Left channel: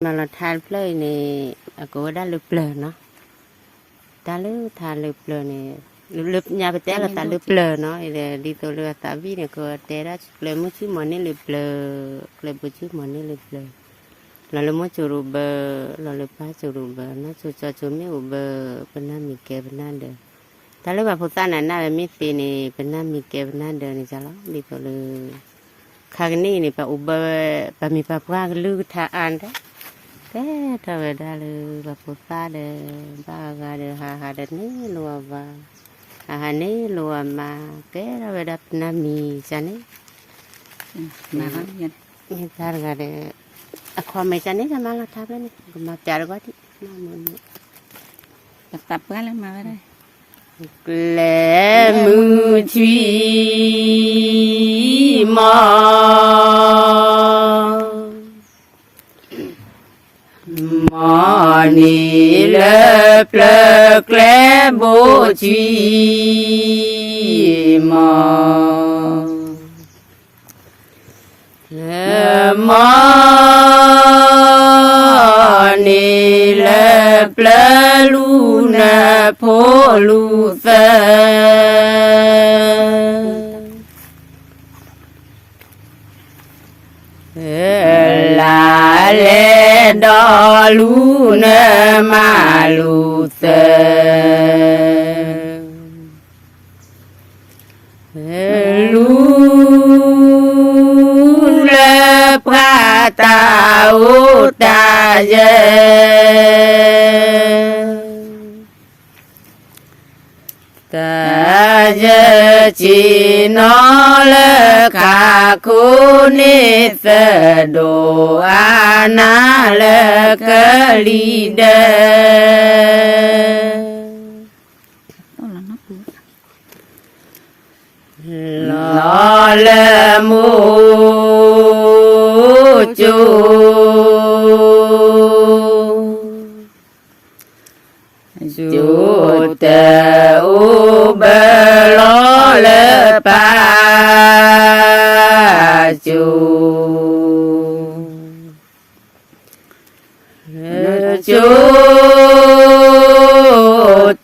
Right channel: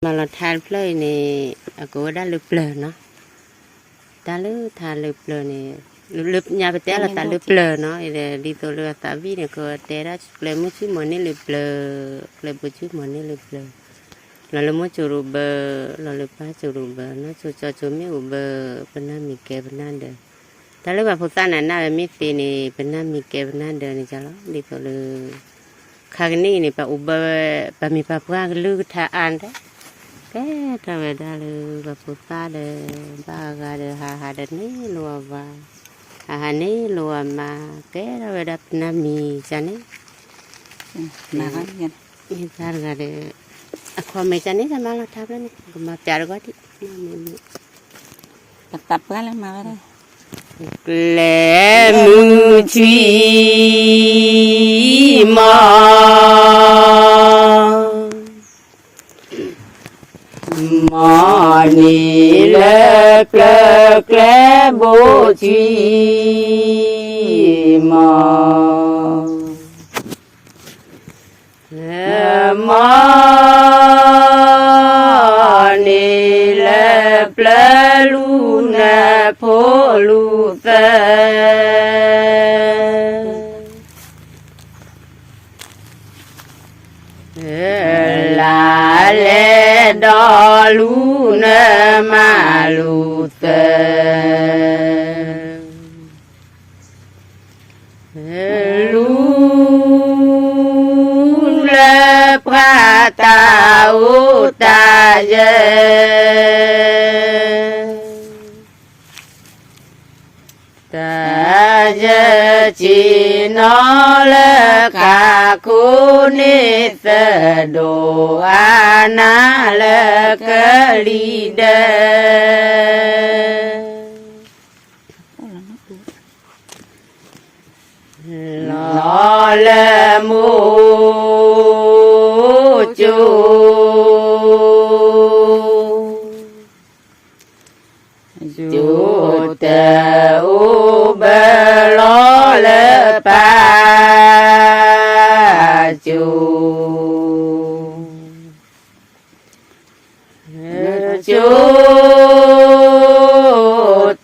mà là than plei này cô đã lướt lờ nó ta lướt than lướt lờ này lướt nhà bên té là ta lướt lờ nó để đi tôi lướt ta vi này cô té đã plei muốn chút mà nên lướt lờ plei bữa chút mà nên lướt lờ là lúc mới chụp bờ là lúc ba chụp bờ nó cho mấy bờ bên nam mình kẹp bên nam được ta lướt vào phụ sa này na bên mỹ này bên nam mình kẹp bên nam được này chả lắm đi tôi lướt khang này pa bờ pa mi pa pra lướt tha an đó cái ta về đây là gặp phụ ta để ba ga để hà để ní lùa và hà ní lùa mà cái đó về đập nam mì cho ní mà có gì như ta ga để khoa mày cho ní là mang là tháp lên mà chả có thì tập cái lên mà đây lệ mưa chi mò ni le ple cle bo chi mo ni le ple lu na pho lu sa la le đo lu nè ma lu tê lu le pra ta u ta je chỉ nó le cả cô nê sơ đồ ana le cơ li đê lo le mu chu tê u bê lo le pa chu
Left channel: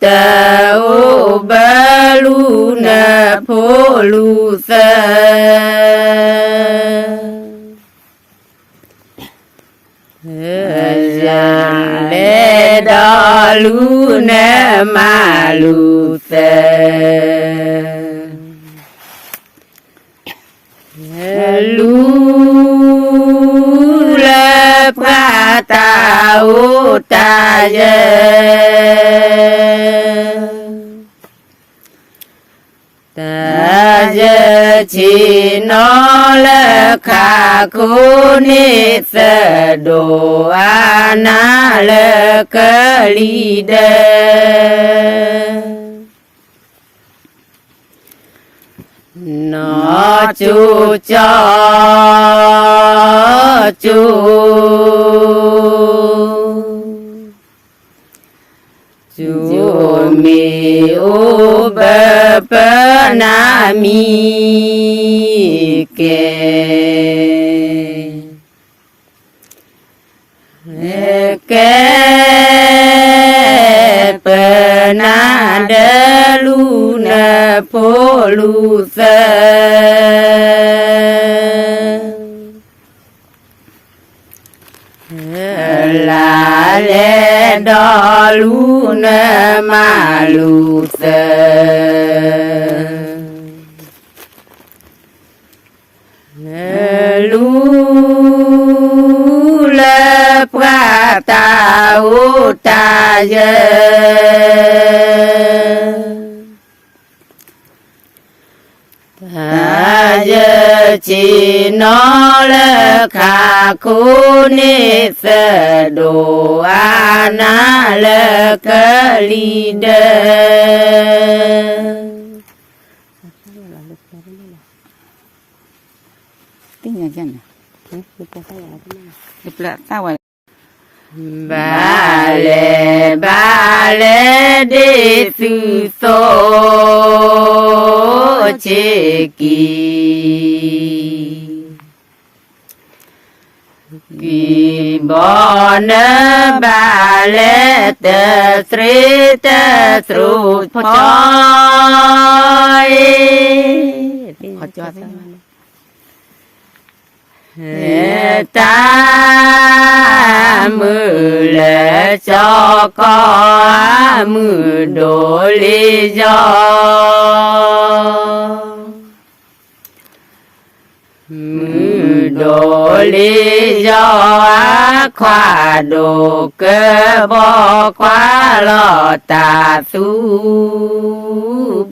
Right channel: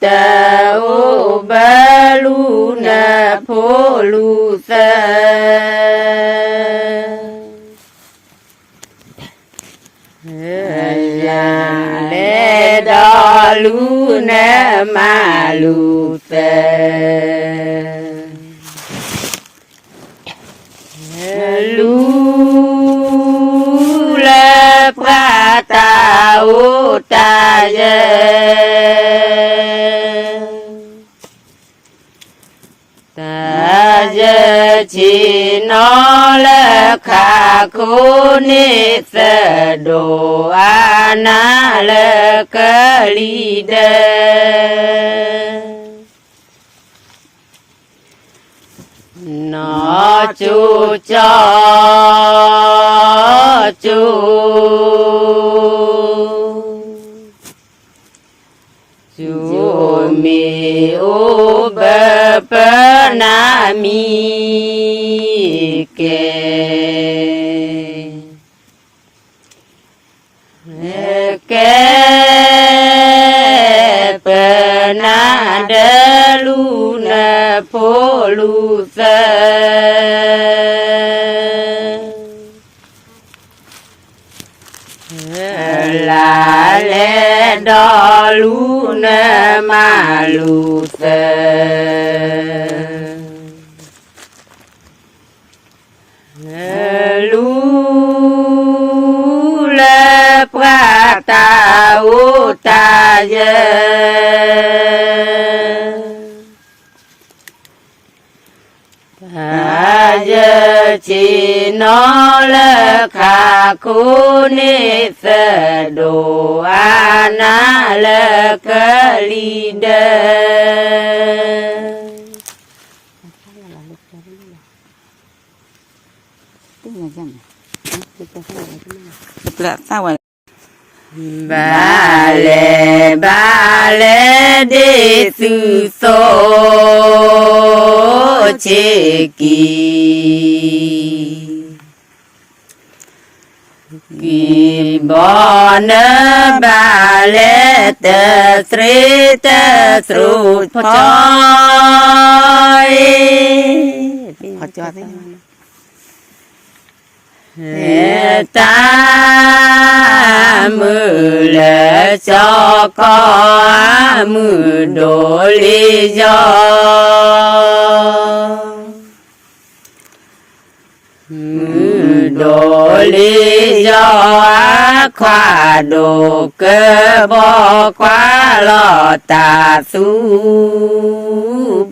tê u bê lu nè pho lu sa le đo lu nè ma lu sa lu le pra ta u ta je chỉ nó le kha cô nê sơ đồ ana le cơ li đê nó chu cho chu mi u bê bê na mi ke bê na đê lu nè pho lu sa la le đo lu nè ma lu sa lu le pra ta u ta je chỉ nó le kha cô nê sơ đồ ana le cơ li đê tiếng gì vậy tập lại sao vậy ba lê de su so che ki bon ba le te sri te sru phoi họ cho thế ta mưa lệ cho có mưa đổ lý do mưa đổ lý do khoa đồ cơ bo quá lo ta su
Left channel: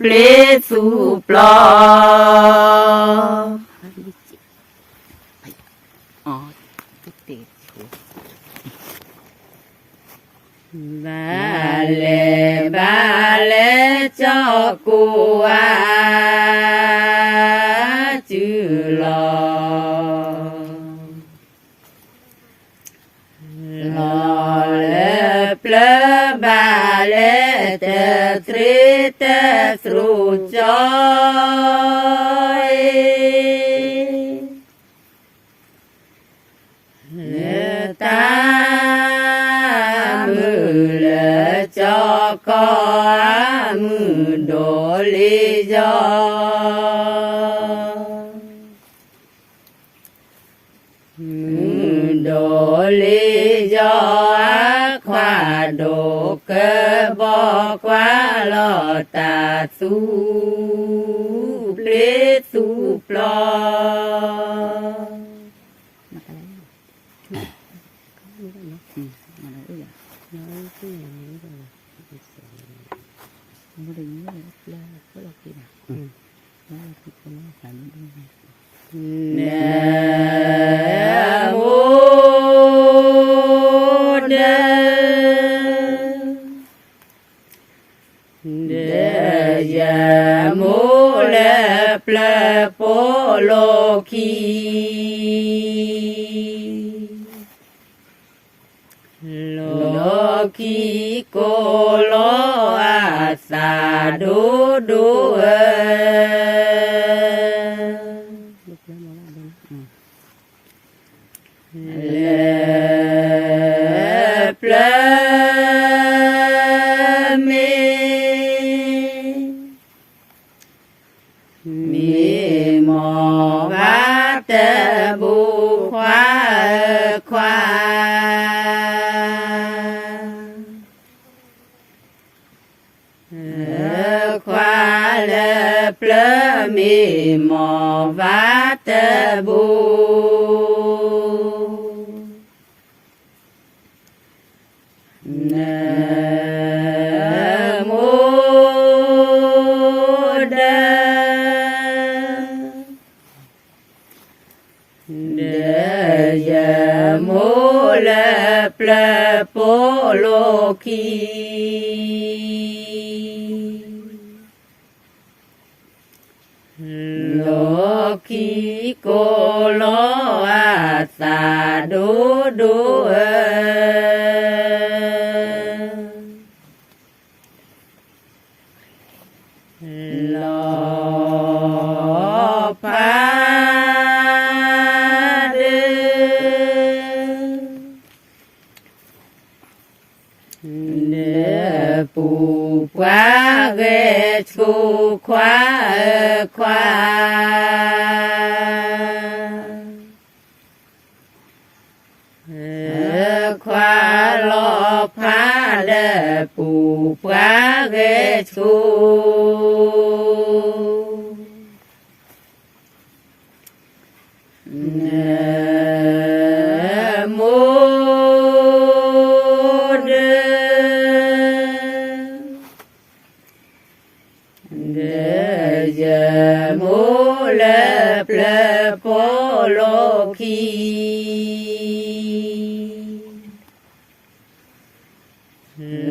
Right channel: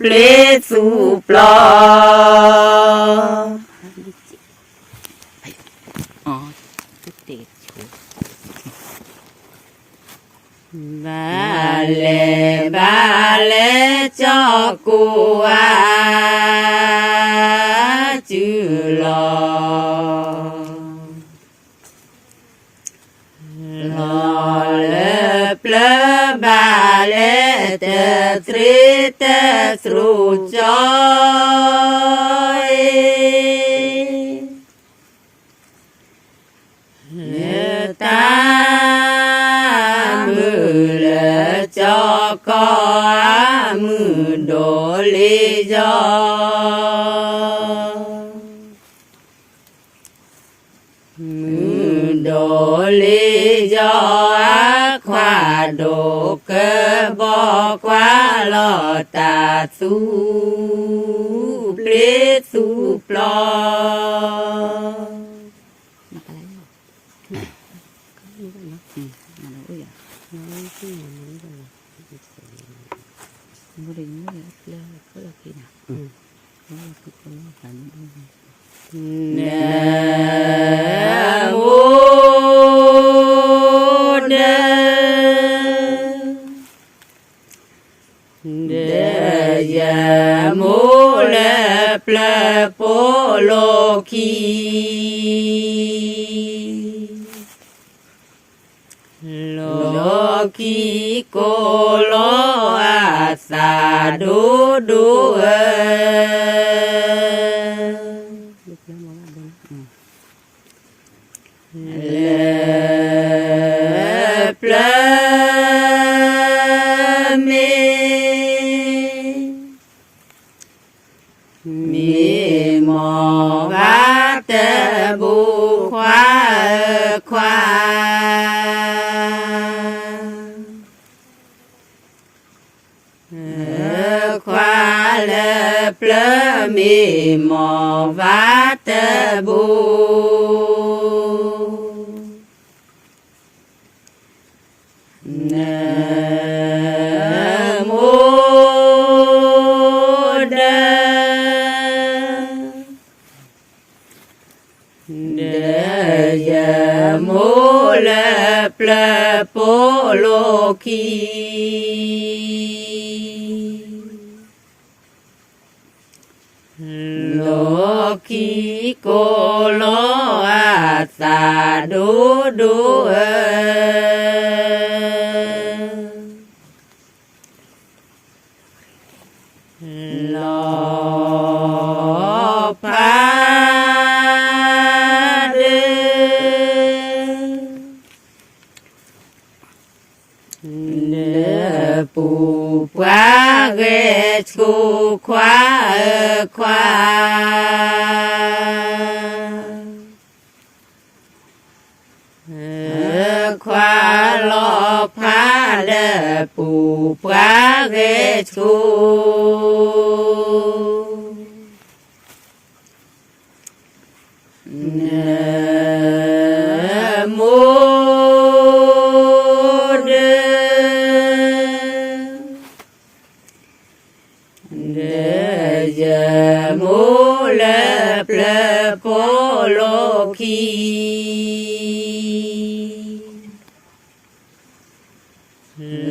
ple su plo ba lê cho cô chữ lo lê ple ba lê te tri te sru cho ta mưa lệ cho có mưa đổ lý do mưa đổ lý do khoa đồ cơ bo quá lo ta su ple su plo Loki kolo asa du du le ple mi mo va te bu khoa khoa le ple mi mo va te bu ple polo ki lo ki ko lo a sa do do lo pa pu qua ghê chu khoa khoa lo pha đê pu qua ghê chu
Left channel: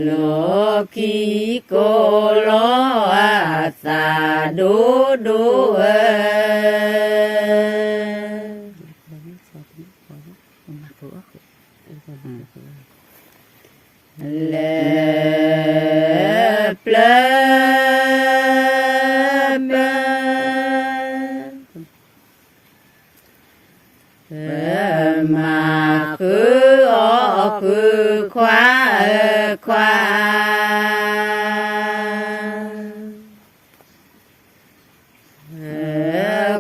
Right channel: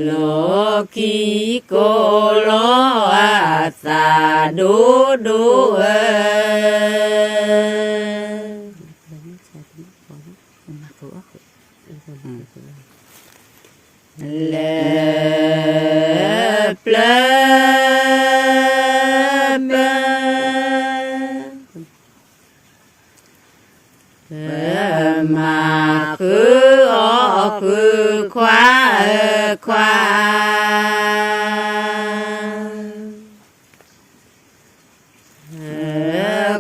lo ki ko lo a sa do do le ple ma cứ khứ khóa khóa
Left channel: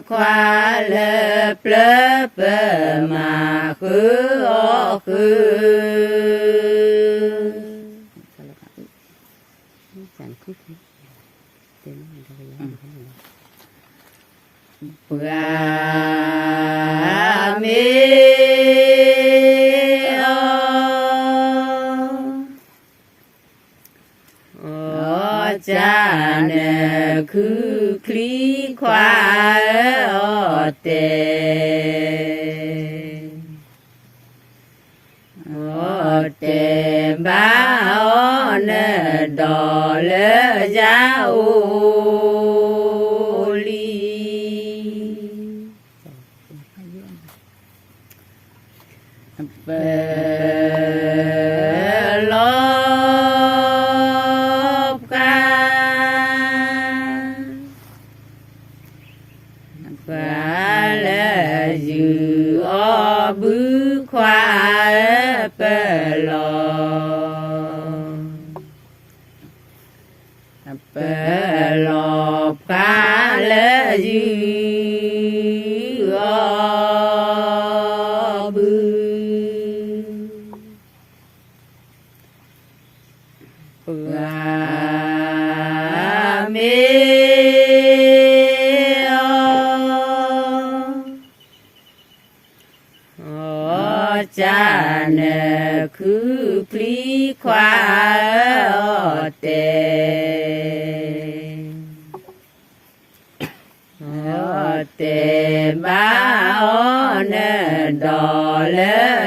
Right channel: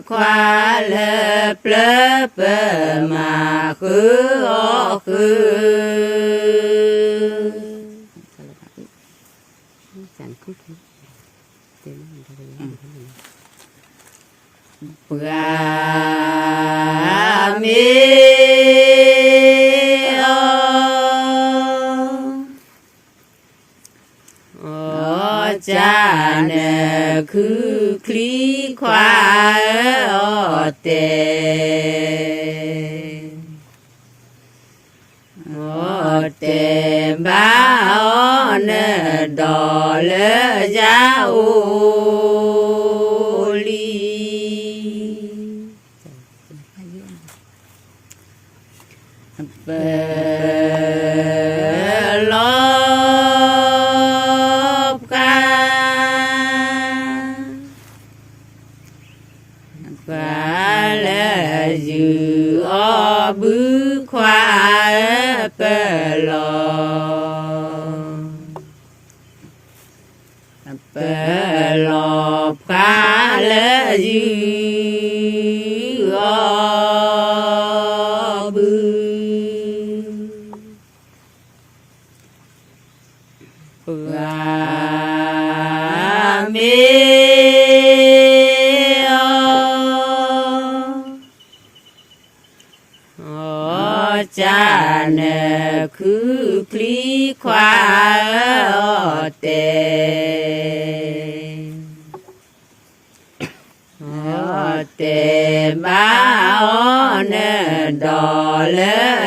khóa lớp lớp mà khứ ô khứ chẳng thích tên ga mi ô cha nè khứ khí khoa ô tê ba ô nè đò lơ giá ô li bê lốp ca và lê dư ô bứ khoa bê lô bê lô ca lê dư ô bứ và mê cha nè khứ khí khoa ô tê ba ô nè đò lê